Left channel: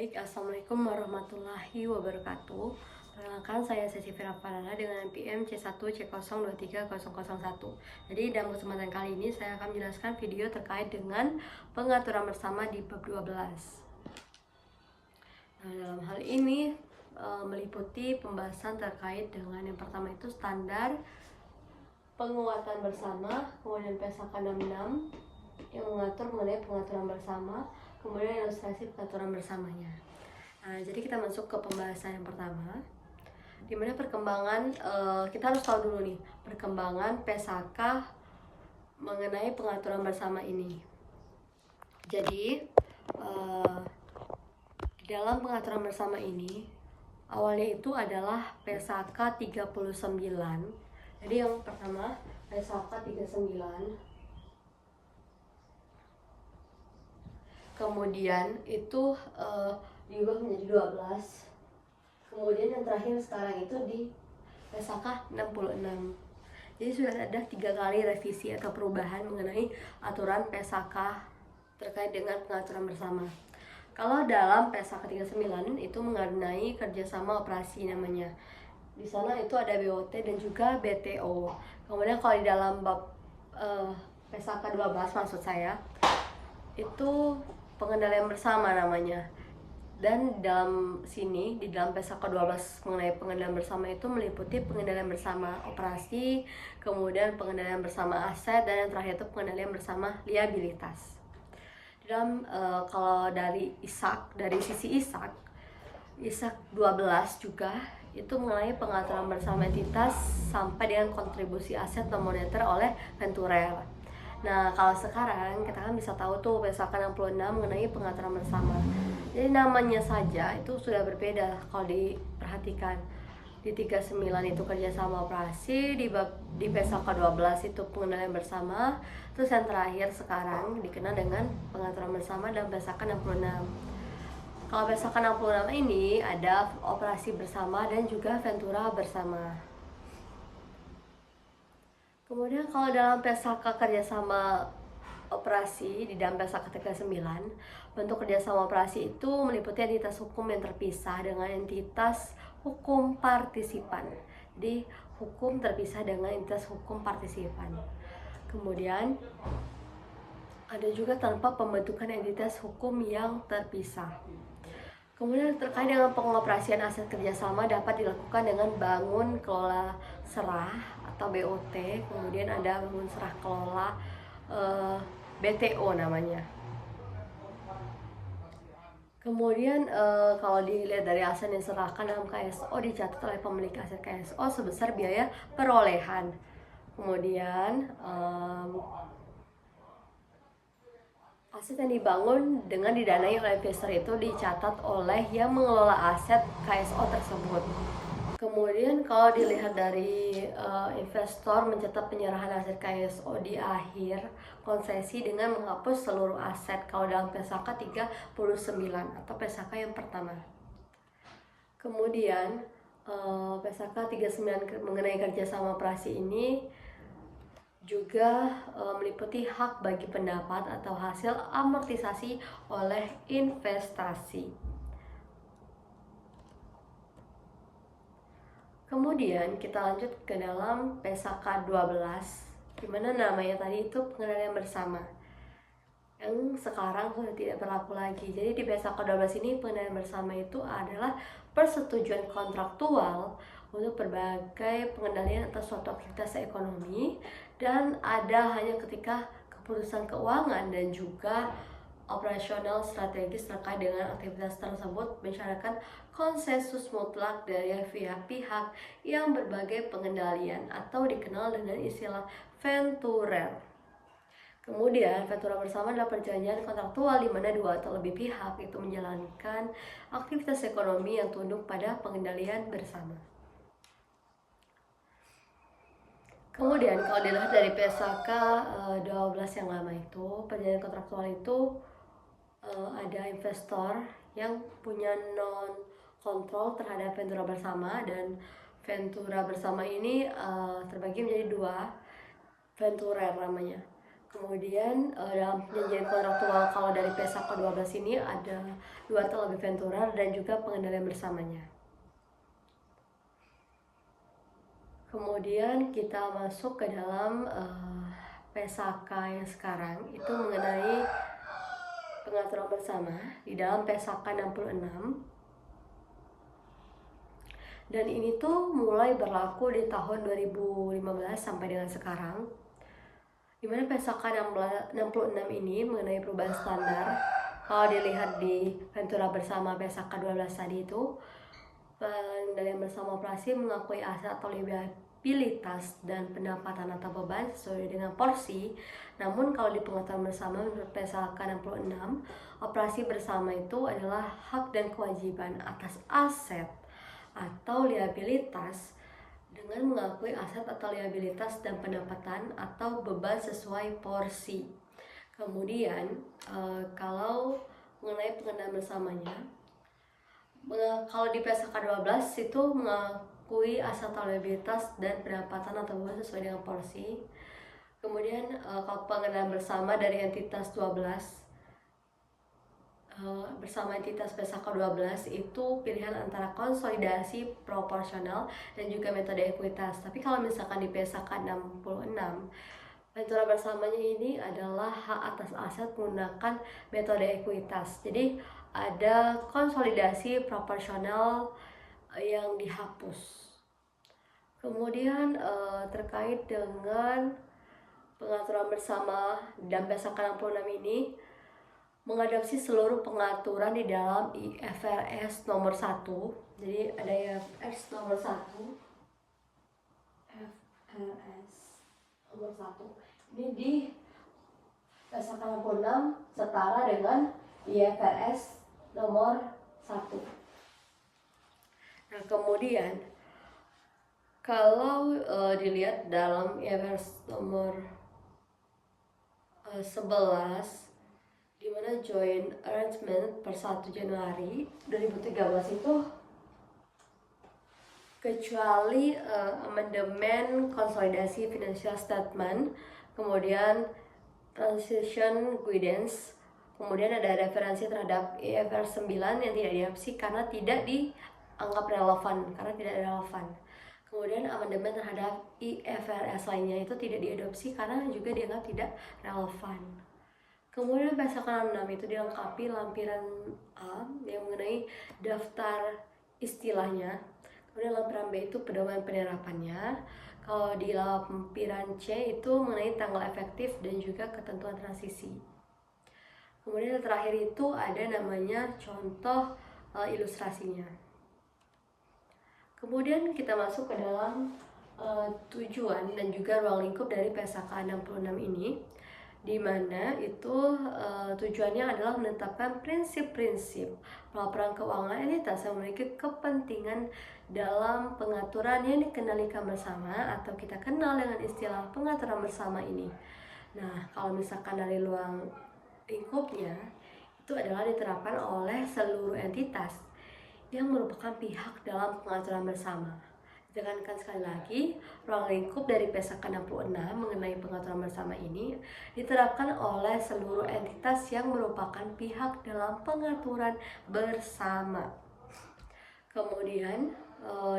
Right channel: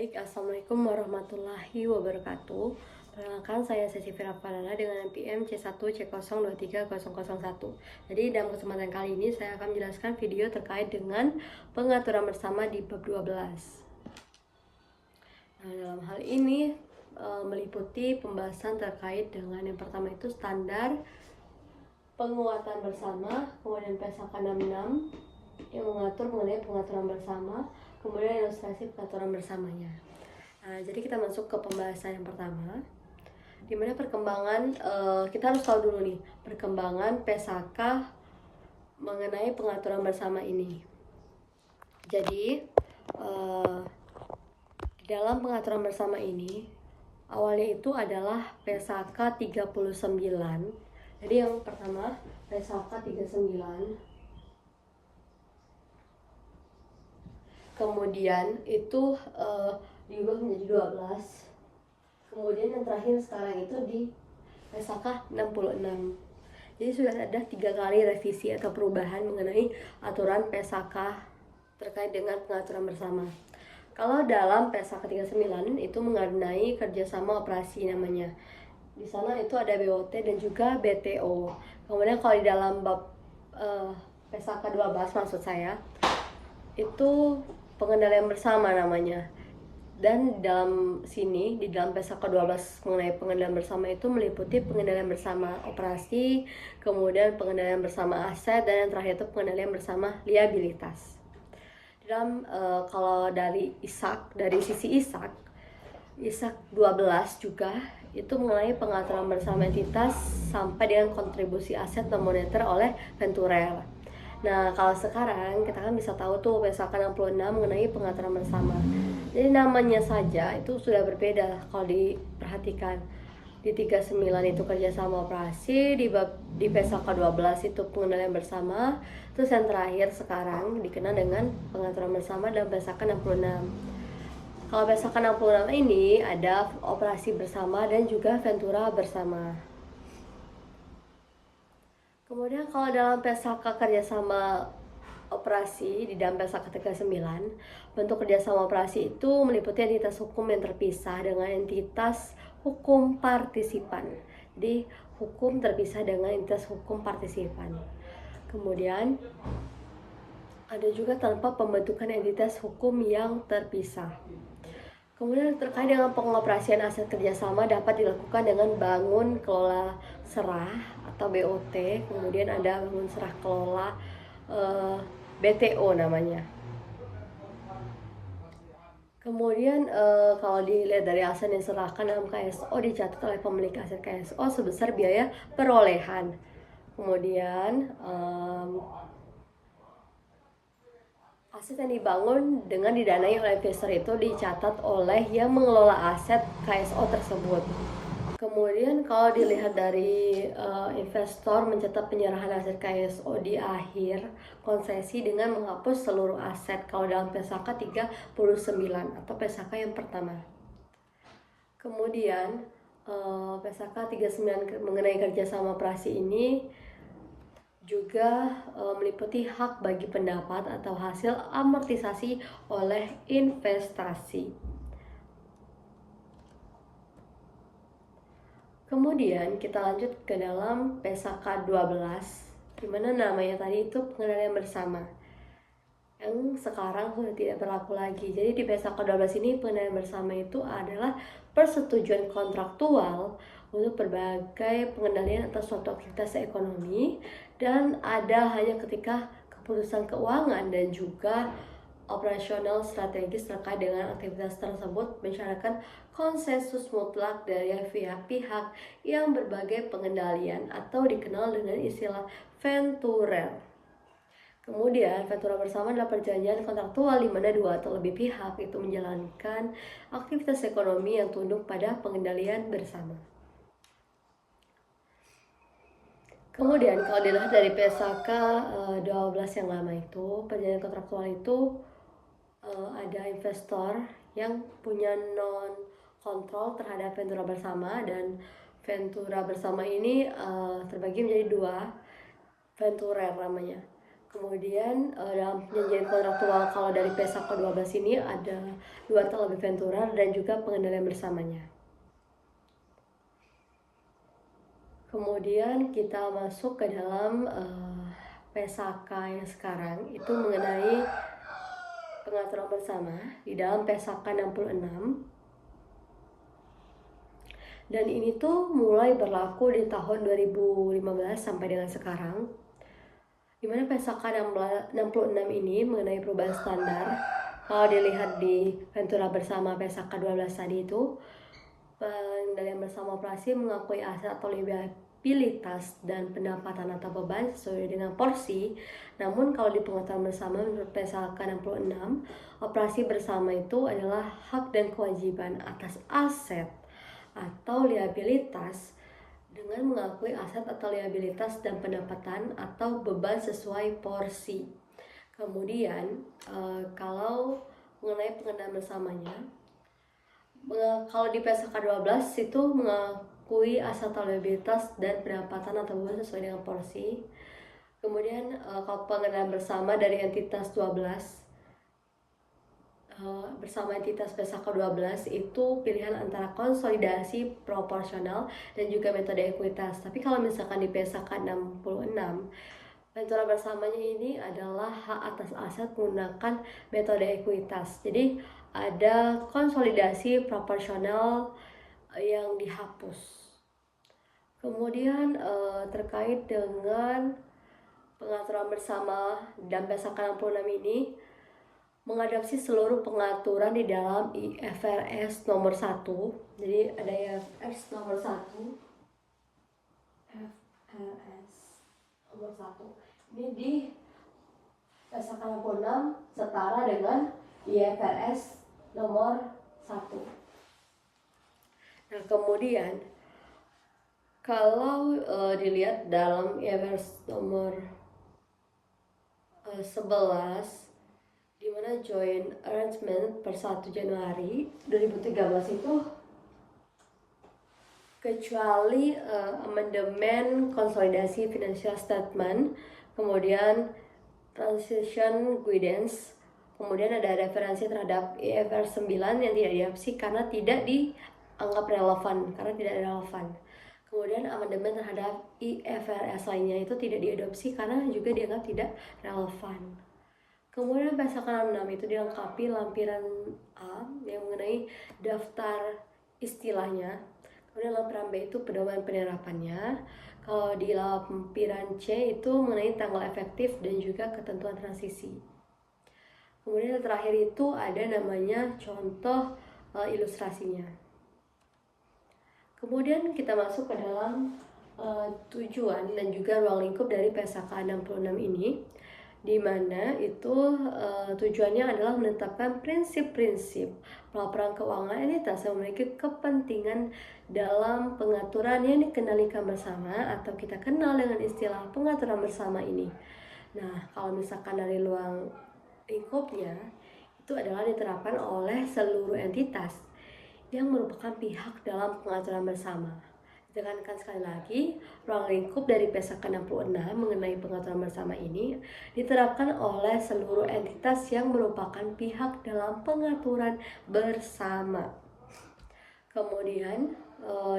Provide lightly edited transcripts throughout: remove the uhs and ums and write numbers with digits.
Baik, Assalamualaikum warahmatullahi wabarakatuh. Perkenalkan, saya Cecivira Farana dengan NPM C1C023001. Jadi dalam kesempatan kali ini saya akan menjelaskan video terkait dengan pengaturan bersama di bab 12. Nah, dalam hal ini meliputi pembahasan terkait dengan yang pertama itu standar penguatan bersama, kemudian PSAK 66 yang mengatur mengenai pengaturan bersama, kemudian ilustrasi pengaturan bersamanya. Nah, jadi kita masuk ke pembahasan yang pertama, dimana perkembangan kita harus tahu dulu nih perkembangan PSAK mengenai pengaturan bersama ini. Jadi dalam pengaturan bersama ini awalnya itu adalah PSAK 39. Jadi yang pertama PSAK 39, kemudian itu diubah menjadi 12, kemudian yang terakhir sekarang itu di PSAK 66. Jadi sudah ada 3 kali revisi atau perubahan mengenai aturan PSAK terkait dengan pengaturan bersama. Kalau dalam PSAK 39 itu mengenai kerjasama operasi namanya. Di sana itu ada BOT dan juga BTO. Kemudian kalau di dalam bab PSAK 12 maksud saya itu pengendalian bersama namanya. Dan dalam sini, di dalam PSAK 12 mengenai pengendalian bersama itu meliputi pengendalian bersama operasi, kemudian pengendalian bersama aset, dan yang terakhir itu pengendalian bersama liabilitas. Dalam kalau dari sisi ISAK 12 juga itu mengenai pengaturan bersama entitas sampai dengan kontribusi aset non moneter oleh Venturer. Nah, kalau sekarang kita kan bisa tahu tuh PSAK 66 mengenai pengaturan bersama. Jadi namanya saja itu sudah berbeda kalau diperhatikan. Di 39 itu kerjasama operasi, di PSAK 12 itu pengendalian bersama, terus yang terakhir sekarang dikenal dengan pengaturan bersama dalam PSAK 66. Kalau PSAK 66 ini ada operasi bersama dan juga Ventura bersama. Kemudian kalau dalam PSAK kerjasama operasi di dalam PSAK 39, bentuk kerjasama operasi itu meliputi entitas hukum yang terpisah dengan entitas hukum partisipan. Jadi hukum terpisah dengan entitas hukum partisipan. Kemudian ada juga tanpa pembentukan entitas hukum yang terpisah. Kemudian terkait dengan pengoperasian aset kerjasama dapat dilakukan dengan bangun kelola serah atau BOT, kemudian ada bangun serah kelola BTO namanya. Kemudian kalau dilihat dari aset yang diserahkan dalam KSO dicatat oleh pemilik aset KSO sebesar biaya perolehan. Kemudian aset yang dibangun dengan didanai oleh investor itu dicatat oleh yang mengelola aset KSO tersebut. Kemudian kalau dilihat dari investor mencatat penyerahan aset KSO di akhir konsesi dengan menghapus seluruh aset kalau dalam PSAK 39 atau PSAK yang pertama. Kemudian PSAK 39 mengenai kerjasama operasi ini juga meliputi hak bagi pendapat atau hasil amortisasi oleh investasi. Kemudian kita lanjut ke dalam PSAK 12, dimana namanya tadi itu pengendalian bersama, yang sekarang sudah tidak berlaku lagi. Jadi di PSAK 12 ini pengendalian bersama itu adalah persetujuan kontraktual untuk berbagai pengendalian atas suatu aktivitas ekonomi, dan ada hanya ketika keputusan keuangan dan juga operasional strategis terkait dengan aktivitas tersebut mensyaratkan konsensus mutlak dari pihak-pihak yang berbagai pengendalian atau dikenal dengan istilah Venturer. Kemudian Ventura bersama adalah perjanjian kontraktual di mana dua atau lebih pihak itu menjalankan aktivitas ekonomi yang tunduk pada pengendalian bersama. Kemudian kalau dilihat dari PSAK 12 yang lama itu, perjanjian kontraktual itu ada investor yang punya non kontrol terhadap Ventura bersama, dan Ventura bersama ini terbagi menjadi dua Venturer namanya. Kemudian dalam perjanjian kontraktual kalau dari PSAK 12 ini ada 2 atau lebih venturer dan juga pengendalian bersamanya. Kemudian kita masuk ke dalam PSAK yang sekarang itu mengenai pengaturan bersama di dalam PSAK 66. Dan ini tuh mulai berlaku di tahun 2015 sampai dengan sekarang. Dimana PSAK 66 ini mengenai perubahan standar. Kalau dilihat di Ventura bersama PSAK 12 tadi itu, pengendalian bersama operasi mengakui aset atau liabilitas dan pendapatan atau beban sesuai dengan porsi. Namun kalau di pengaturan bersama menurut PSAK 66, operasi bersama itu adalah hak dan kewajiban atas aset atau liabilitas dengan mengakui aset atau liabilitas dan pendapatan atau beban sesuai porsi. Kemudian kalau mengenai pengendalian bersamanya, kalau di PSAK 12 itu mengakui aset atau liabilitas dan pendapatan atau beban sesuai dengan porsi. Kemudian kalau pengendalian bersama dari entitas 12 bersama entitas PSAK 12 itu pilihan antara konsolidasi proporsional dan juga metode ekuitas. Tapi kalau misalkan di PSAK 66, ventura bersamanya ini adalah hak atas aset menggunakan metode ekuitas. Jadi ada konsolidasi proporsional yang dihapus. Kemudian terkait dengan pengaturan bersama dan PSAK 66 ini mengadopsi seluruh pengaturan di dalam IFRS nomor 1. Jadi ada IFRS nomor 1. IFRS nomor 1. Ini di PSAK 66 setara dengan IFRS nomor 1. Nah, kemudian kalau dilihat dalam IFRS nomor 11 di mana joint arrangement per 1 Januari 2013 itu kecuali amandemen konsolidasi financial statement, kemudian transition guidance, kemudian ada referensi terhadap IFRS 9 yang tidak diadopsi karena tidak dianggap relevan, Kemudian amandemen terhadap IFRS lainnya itu tidak diadopsi karena juga dianggap tidak relevan. Kemudian PSAK 66 itu dilengkapi lampiran A yang mengenai daftar istilahnya. Kemudian lampiran B itu pedoman penerapannya. Kalau di lampiran C itu mengenai tanggal efektif dan juga ketentuan transisi. Kemudian yang terakhir itu ada namanya contoh ilustrasinya. Kemudian kita masuk ke dalam tujuan dan juga ruang lingkup dari PSAK 66 ini, di mana itu tujuannya adalah menetapkan prinsip-prinsip pelaporan keuangan entitas yang memiliki kepentingan dalam pengaturan yang dikendalikan bersama atau kita kenal dengan istilah pengaturan bersama ini. Nah, kalau misalkan dari ruang lingkupnya itu adalah diterapkan oleh seluruh entitas yang merupakan pihak dalam pengaturan bersama. Ditekankan sekali lagi, ruang lingkup dari PSAK 66 mengenai pengaturan bersama ini diterapkan oleh seluruh entitas yang merupakan pihak dalam pengaturan bersama. Kemudian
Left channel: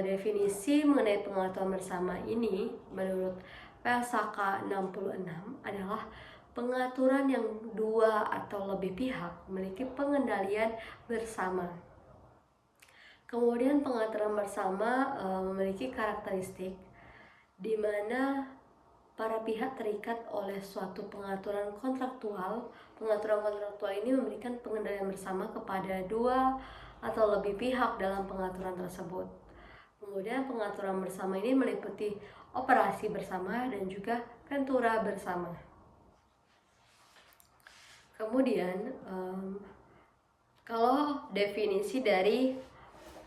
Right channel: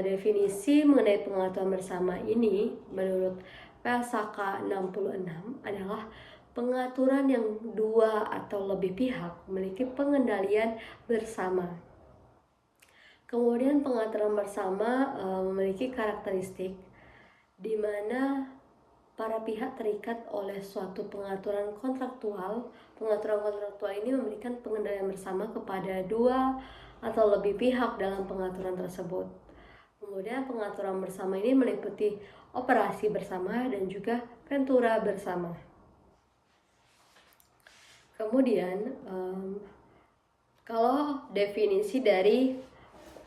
definisi mengenai pengaturan bersama ini menurut PSAK 66 adalah pengaturan yang dua atau lebih pihak memiliki pengendalian bersama. Kemudian pengaturan bersama memiliki karakteristik di mana para pihak terikat oleh suatu pengaturan kontraktual. Pengaturan kontraktual ini memberikan pengendalian bersama kepada dua atau lebih pihak dalam pengaturan tersebut. Kemudian pengaturan bersama ini meliputi operasi bersama dan juga ventura bersama. Kemudian kalau definisi dari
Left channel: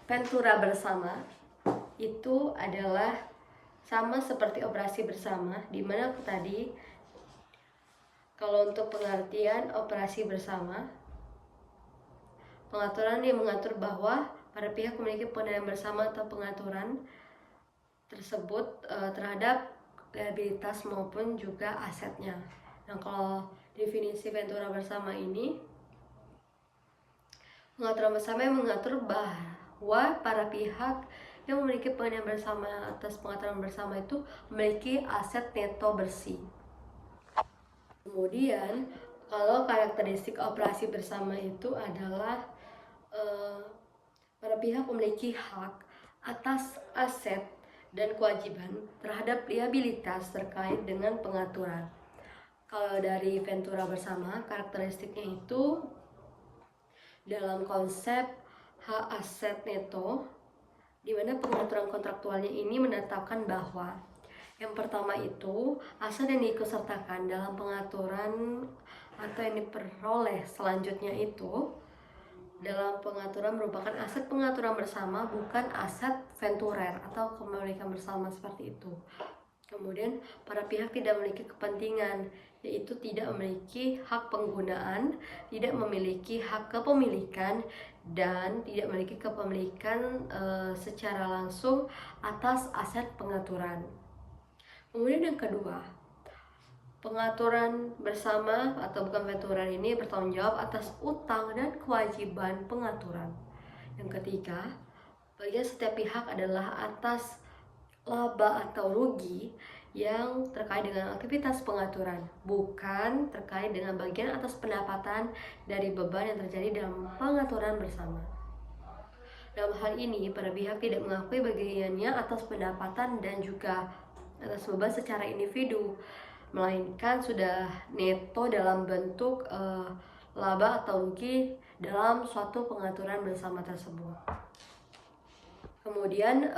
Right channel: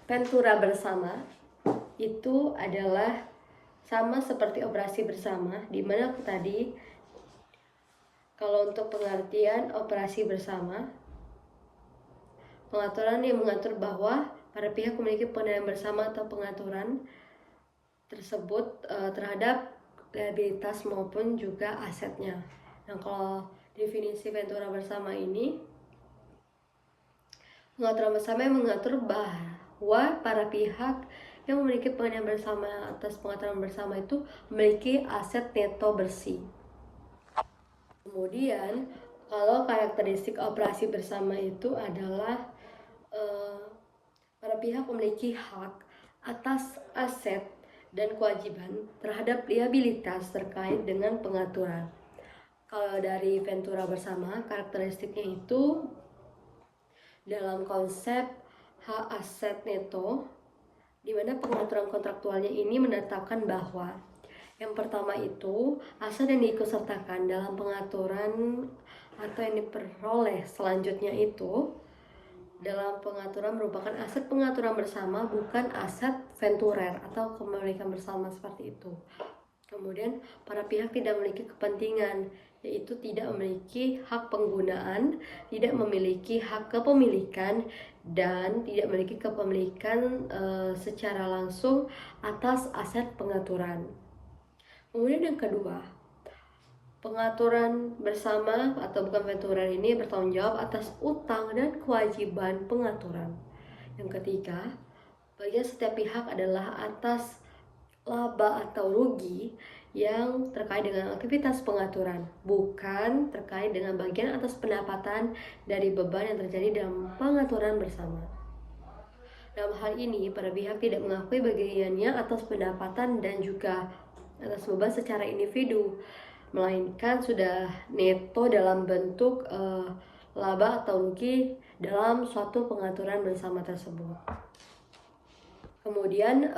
ventura bersama itu adalah sama seperti operasi bersama, di mana tadi kalau untuk pengertian operasi bersama, pengaturan yang mengatur bahwa para pihak memiliki pengendalian bersama atau pengaturan tersebut terhadap liabilitas maupun juga asetnya. Nah, kalau definisi Ventura bersama ini, pengaturan bersama yang mengatur bahwa para pihak yang memiliki pengendalian bersama atas pengaturan bersama itu memiliki aset neto bersih. Kemudian, kalau karakteristik operasi bersama itu adalah para pihak memiliki hak atas aset dan kewajiban terhadap liabilitas terkait dengan pengaturan. Kalau dari Ventura bersama, karakteristiknya itu dalam konsep hak aset neto, di mana pengaturan kontraktualnya ini menetapkan bahwa yang pertama itu, aset yang diikutsertakan dalam pengaturan atau yang diperoleh selanjutnya itu dalam pengaturan merupakan aset pengaturan bersama, bukan aset venturer atau kepemilikan bersama seperti itu. Kemudian, para pihak tidak memiliki kepentingan, yaitu tidak memiliki hak penggunaan, tidak memiliki hak kepemilikan, dan tidak memiliki kepemilikan secara langsung atas aset pengaturan. Kemudian yang kedua, pengaturan bersama atau bukan venturer ini bertanggung jawab atas utang dan kewajiban pengaturan. Yang ketiga, bagian setiap pihak adalah atas laba atau rugi yang terkait dengan aktivitas pengaturan, bukan terkait dengan bagian atas pendapatan dari beban yang terjadi dalam pengaturan bersama. Dalam hal ini, para pihak tidak mengakui bagiannya atas pendapatan dan juga atas beban secara individu, melainkan sudah neto dalam bentuk laba atau rugi dalam suatu pengaturan bersama tersebut. Kemudian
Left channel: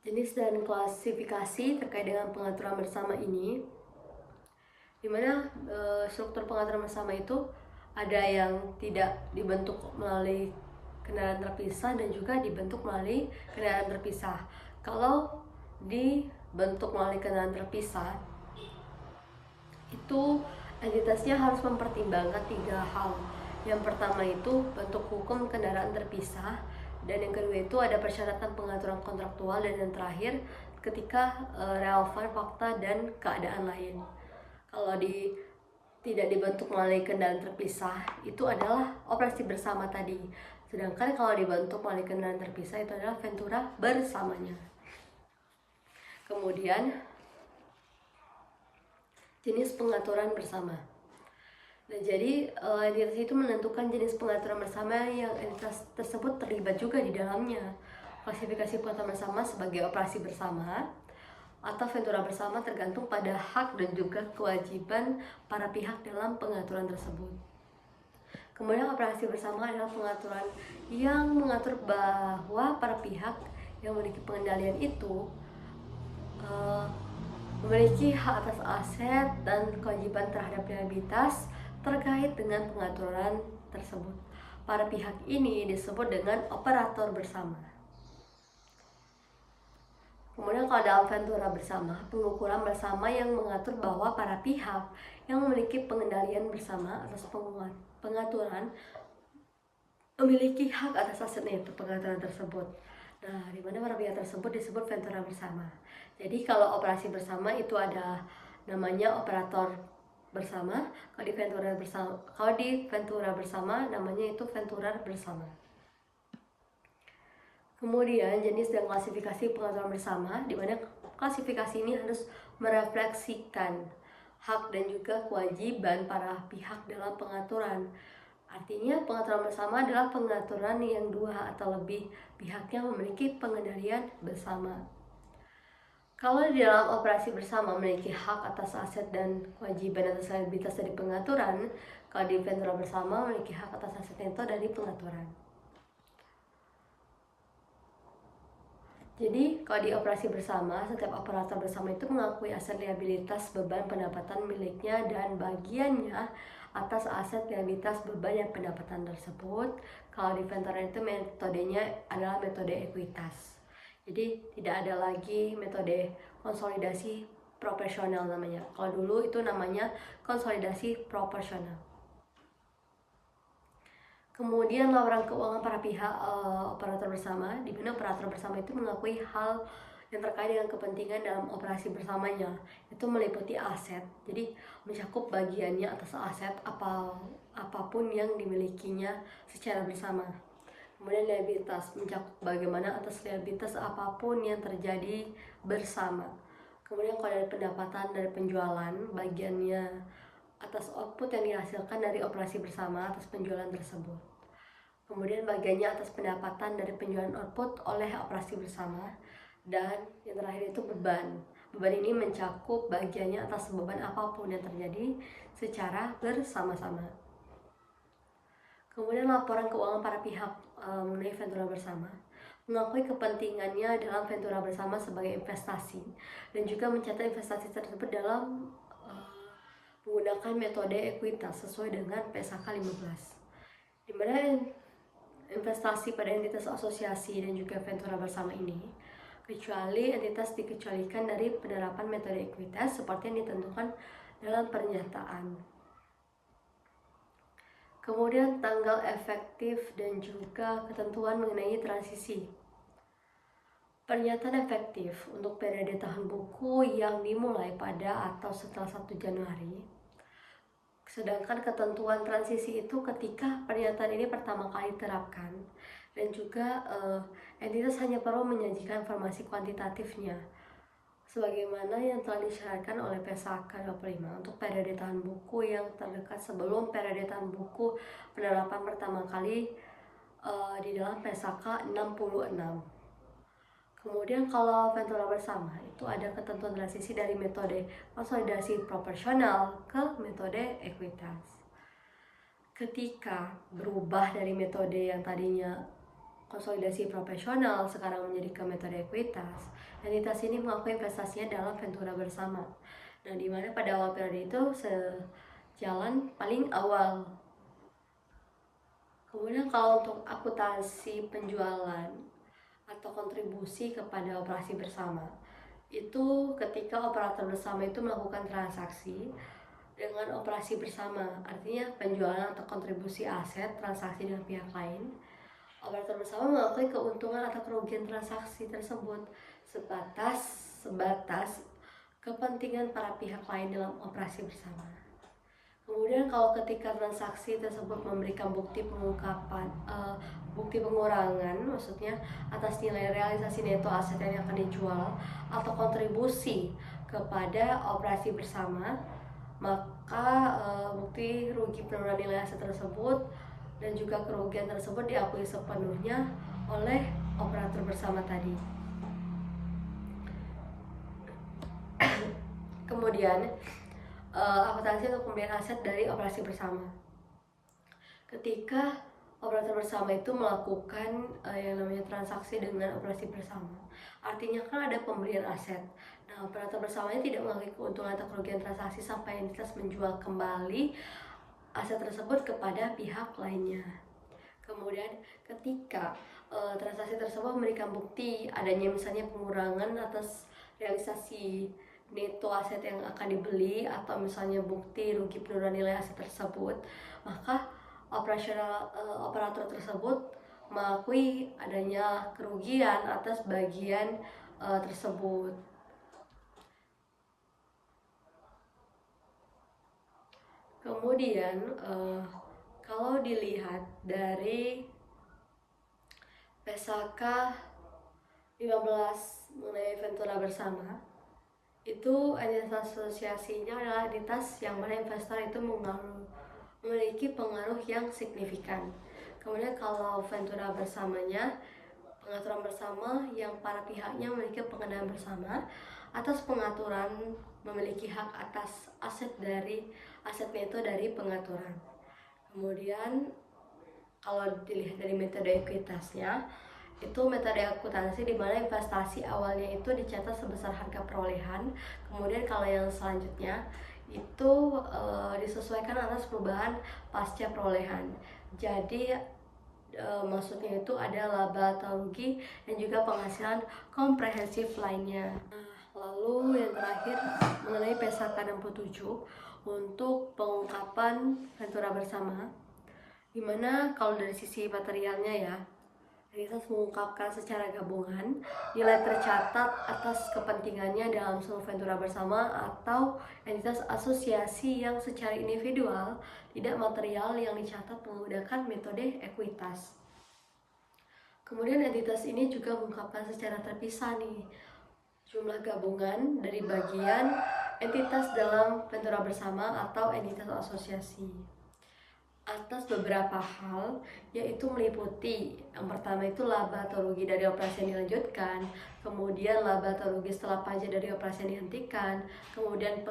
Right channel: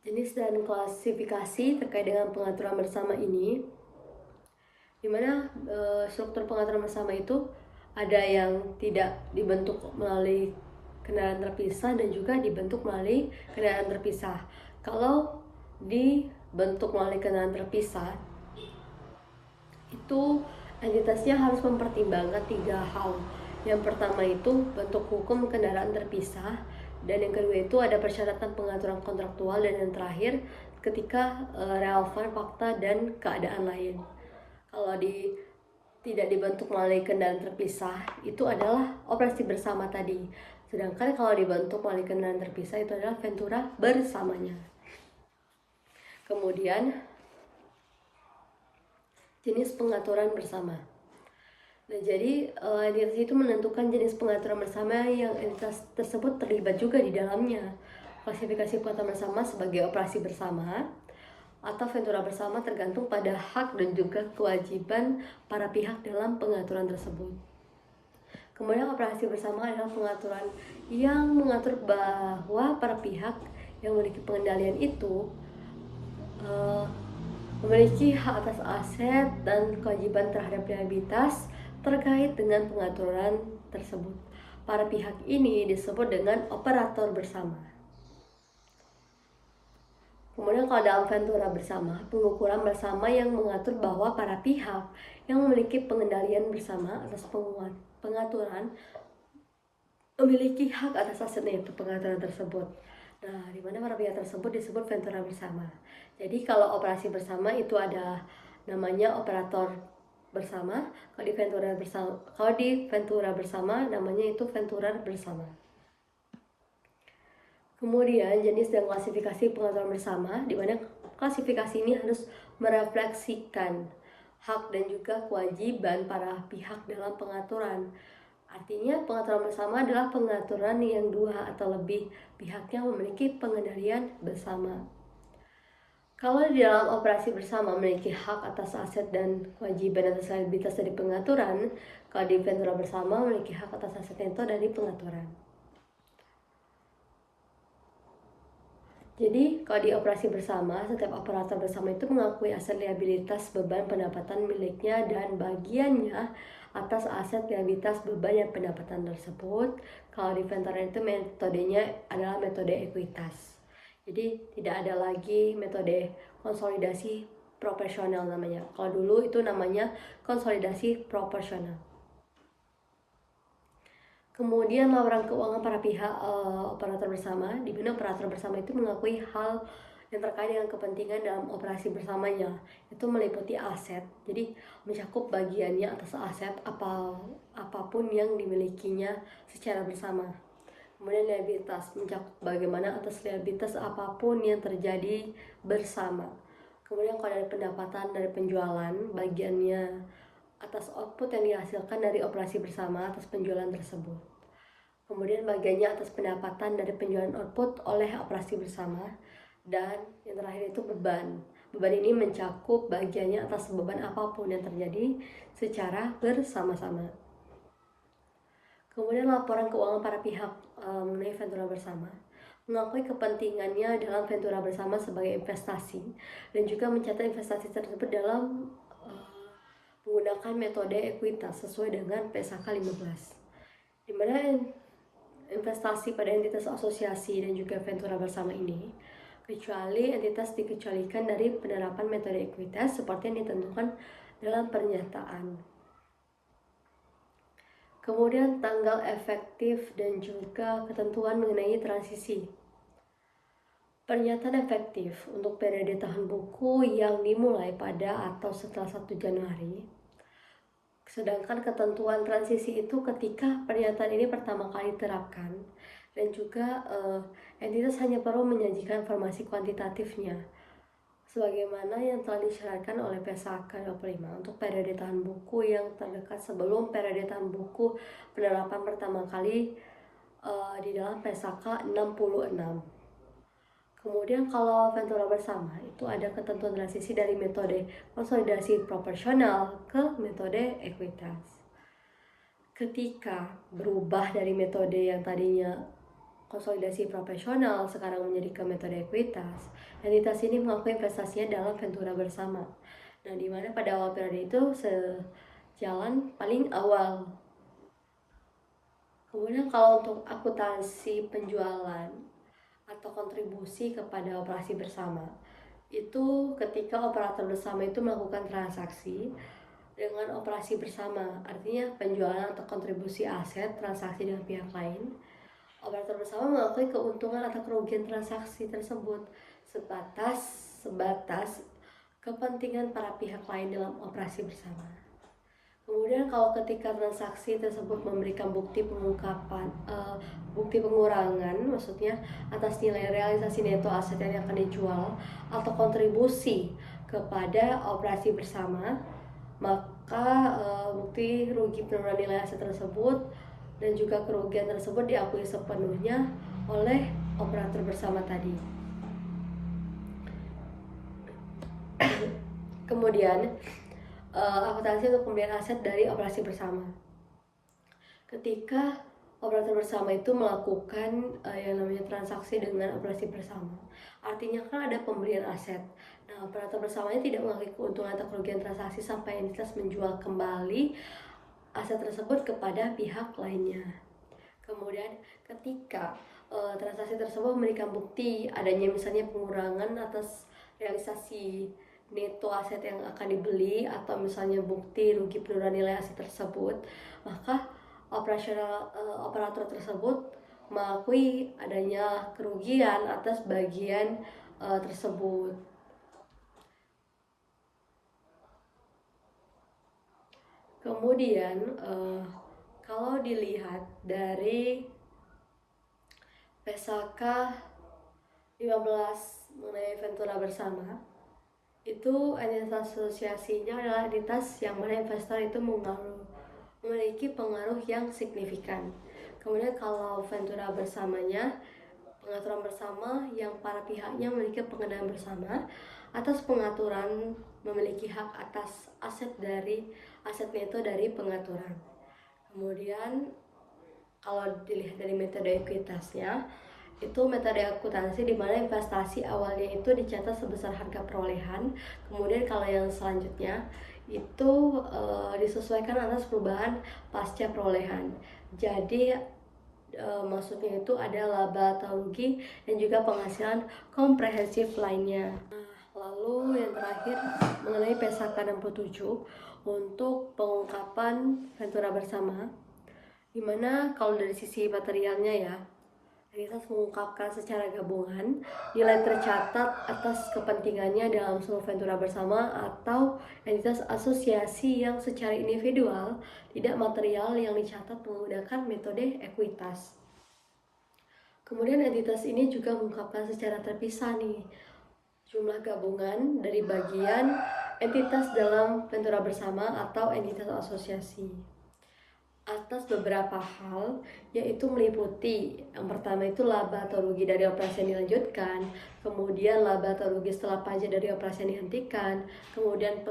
jenis dan klasifikasi terkait dengan pengaturan bersama ini, dimana struktur pengaturan bersama itu ada yang tidak dibentuk melalui kendaraan terpisah dan juga dibentuk melalui kendaraan terpisah. Kalau dibentuk melalui kendaraan terpisah, itu entitasnya harus mempertimbangkan 3 hal. Yang pertama itu bentuk hukum kendaraan terpisah, dan yang kedua itu ada persyaratan pengaturan kontraktual, dan yang terakhir ketika relevan fakta dan keadaan lain. Kalau tidak dibentuk melalui kendaraan terpisah, itu adalah operasi bersama tadi. Sedangkan kalau dibentuk melalui kendaraan terpisah, itu adalah ventura bersamanya. Kemudian jenis pengaturan bersama. Nah, jadi entitas itu menentukan jenis pengaturan bersama yang entitas tersebut terlibat juga di dalamnya. Klasifikasi pengaturan bersama sebagai operasi bersama atau ventura bersama tergantung pada hak dan juga kewajiban para pihak dalam pengaturan tersebut. Kemudian operasi bersama adalah pengaturan yang mengatur bahwa para pihak yang memiliki pengendalian itu memiliki hak atas aset dan kewajiban terhadap liabilitas terkait dengan pengaturan tersebut. Para pihak ini disebut dengan operator bersama. Kemudian kalau dalam ventura bersama, pengukuran bersama yang mengatur bahwa para pihak yang memiliki pengendalian bersama atas pengaturan memiliki hak atas asetnya, itu pengaturan tersebut. Nah, di mana para pihak tersebut disebut ventura bersama. Jadi kalau operasi bersama itu ada namanya operator bersama. Kalau di ventura bersama namanya itu ventura bersama. Kemudian jenis dan klasifikasi pengaturan bersama, di mana klasifikasi ini harus merefleksikan hak dan juga kewajiban para pihak dalam pengaturan. Artinya pengaturan bersama adalah pengaturan yang 2 atau lebih pihaknya memiliki pengendalian bersama. Kalau di dalam operasi bersama memiliki hak atas aset dan kewajiban atas liabilitas dari pengaturan, kalau di ventura bersama memiliki hak atas aset neto dari pengaturan. Jadi, kalau di operasi bersama, setiap operator bersama itu mengakui aset liabilitas beban pendapatan miliknya dan bagiannya atas aset liabilitas beban yang pendapatan tersebut. Kalau di ventura itu metodenya adalah metode ekuitas. Jadi, tidak ada lagi metode konsolidasi proporsional namanya. Kalau dulu itu namanya konsolidasi proporsional. Kemudian laporan keuangan para pihak operator bersama, di mana operator bersama itu mengakui hal yang terkait dengan kepentingan dalam operasi bersamanya. Itu meliputi aset, jadi mencakup bagiannya atas aset apapun yang dimilikinya secara bersama. Kemudian liabilitas, mencakup bagaimana atas liabilitas apapun yang terjadi bersama. Kemudian kalau dari pendapatan dari penjualan, bagiannya atas output yang dihasilkan dari operasi bersama atas penjualan tersebut. Kemudian bagiannya atas pendapatan dari penjualan output oleh operasi bersama. Dan yang terakhir itu beban. Beban ini mencakup bagiannya atas beban apapun yang terjadi secara bersama-sama. Kemudian laporan keuangan para pihak mengenai Ventura bersama, mengakui kepentingannya dalam Ventura bersama sebagai investasi dan juga mencatat investasi tersebut dalam menggunakan metode ekuitas sesuai dengan PSAK 15, di mana investasi pada entitas asosiasi dan juga Ventura bersama ini kecuali entitas dikecualikan dari penerapan metode ekuitas seperti yang ditentukan dalam pernyataan. Kemudian tanggal efektif dan juga ketentuan mengenai transisi. Pernyataan efektif untuk periode tahun buku yang dimulai pada atau setelah 1 Januari. Sedangkan ketentuan transisi itu ketika pernyataan ini pertama kali diterapkan. Dan juga entitas hanya perlu menyajikan informasi kuantitatifnya sebagaimana yang telah disyaratkan oleh PSAK 25 untuk periode tahun buku yang terdekat sebelum periode tahun buku penerapan pertama kali di dalam PSAK 66. Kemudian kalau Ventura bersama itu ada ketentuan transisi dari metode konsolidasi proporsional ke metode ekuitas. Ketika berubah dari metode yang tadinya konsolidasi proporsional sekarang menjadi ke metode ekuitas, entitas ini mengakui investasinya dalam Ventura bersama. Nah, di mana pada awal periode itu sejalan paling awal. Kemudian kalau untuk akuntansi penjualan atau kontribusi kepada operasi bersama, itu ketika operator bersama itu melakukan transaksi dengan operasi bersama, artinya penjualan atau kontribusi aset transaksi dengan pihak lain. Operator bersama mengakui keuntungan atau kerugian transaksi tersebut sebatas kepentingan para pihak lain dalam operasi bersama. Kemudian kalau ketika transaksi tersebut memberikan bukti pengurangan, maksudnya atas nilai realisasi neto aset yang akan dijual atau kontribusi kepada operasi bersama, maka bukti rugi penurunan nilai aset tersebut dan juga kerugian tersebut diakui sepenuhnya oleh operator bersama tadi. Kemudian akuntansi untuk pembelian aset dari operasi bersama. Ketika operator bersama itu melakukan yang namanya transaksi dengan operasi bersama, artinya kan ada pembelian aset. Nah, operator bersamanya tidak mengakui keuntungan atau kerugian transaksi sampai entitas menjual kembali aset tersebut kepada pihak lainnya. Kemudian ketika transaksi tersebut memberikan bukti adanya misalnya pengurangan atas realisasi neto aset yang akan dibeli atau misalnya bukti rugi penurunan nilai aset tersebut, maka operator tersebut mengakui adanya kerugian atas bagian tersebut. Kemudian kalau dilihat dari PSAK 15 mengenai Ventura bersama, itu entitas asosiasinya adalah entitas yang mana investor itu memiliki pengaruh yang signifikan. Kemudian kalau Ventura bersamanya, pengaturan bersama yang para pihaknya memiliki pengendalian bersama atas pengaturan memiliki hak atas aset neto dari pengaturan. Kemudian kalau dilihat dari metode ekuitasnya, itu metode akuntansi di mana investasi awalnya itu dicatat sebesar harga perolehan. Kemudian kalau yang selanjutnya itu disesuaikan atas perubahan pasca perolehan. Jadi maksudnya itu ada laba atau rugi dan juga penghasilan komprehensif lainnya. Lalu yang terakhir mengenai PSAK 67 untuk pengungkapan Ventura bersama, dimana kalau dari sisi materialnya ya, Entitas mengungkapkan secara gabungan nilai tercatat atas kepentingannya dalam seluruh ventura bersama atau entitas asosiasi yang secara individual tidak material yang dicatat menggunakan metode ekuitas. Kemudian entitas ini juga mengungkapkan secara terpisah nih jumlah gabungan dari bagian entitas dalam ventura bersama atau entitas asosiasi atas beberapa hal, yaitu meliputi yang pertama itu laba atau rugi dari operasi yang dilanjutkan, kemudian laba atau rugi setelah pajak dari operasi yang dihentikan, kemudian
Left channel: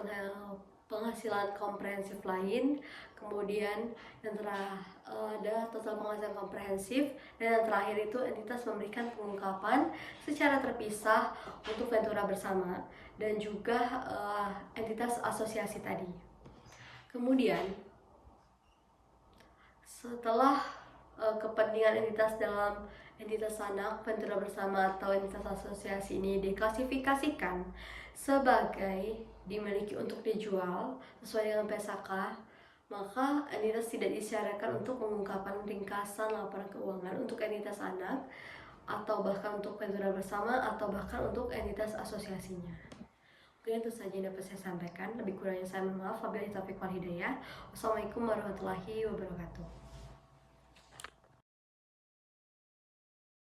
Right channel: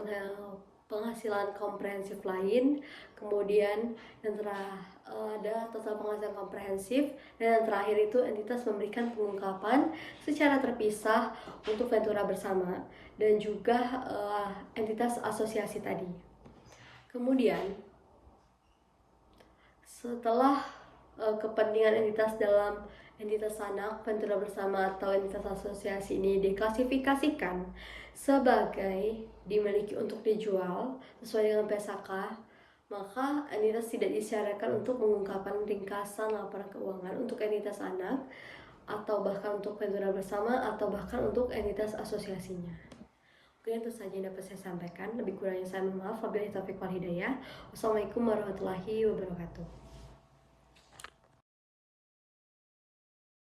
penghasilan komprehensif lain, kemudian yang ada total penghasilan komprehensif, dan yang terakhir itu entitas memberikan pengungkapan secara terpisah untuk ventura bersama dan juga entitas asosiasi tadi. Kemudian setelah kepentingan entitas dalam entitas anak, ventura bersama atau entitas asosiasi ini diklasifikasikan sebagai dimiliki untuk dijual sesuai dengan PSAK, maka entitas tidak disyaratkan untuk mengungkapkan ringkasan laporan keuangan untuk entitas anak atau bahkan untuk ventura bersama atau bahkan untuk entitas asosiasinya. Mungkin itu saja yang dapat saya sampaikan. Lebih kurangnya saya mohon maaf. Wabillahi taufiq wal hidayah. Wassalamualaikum warahmatullahi wabarakatuh.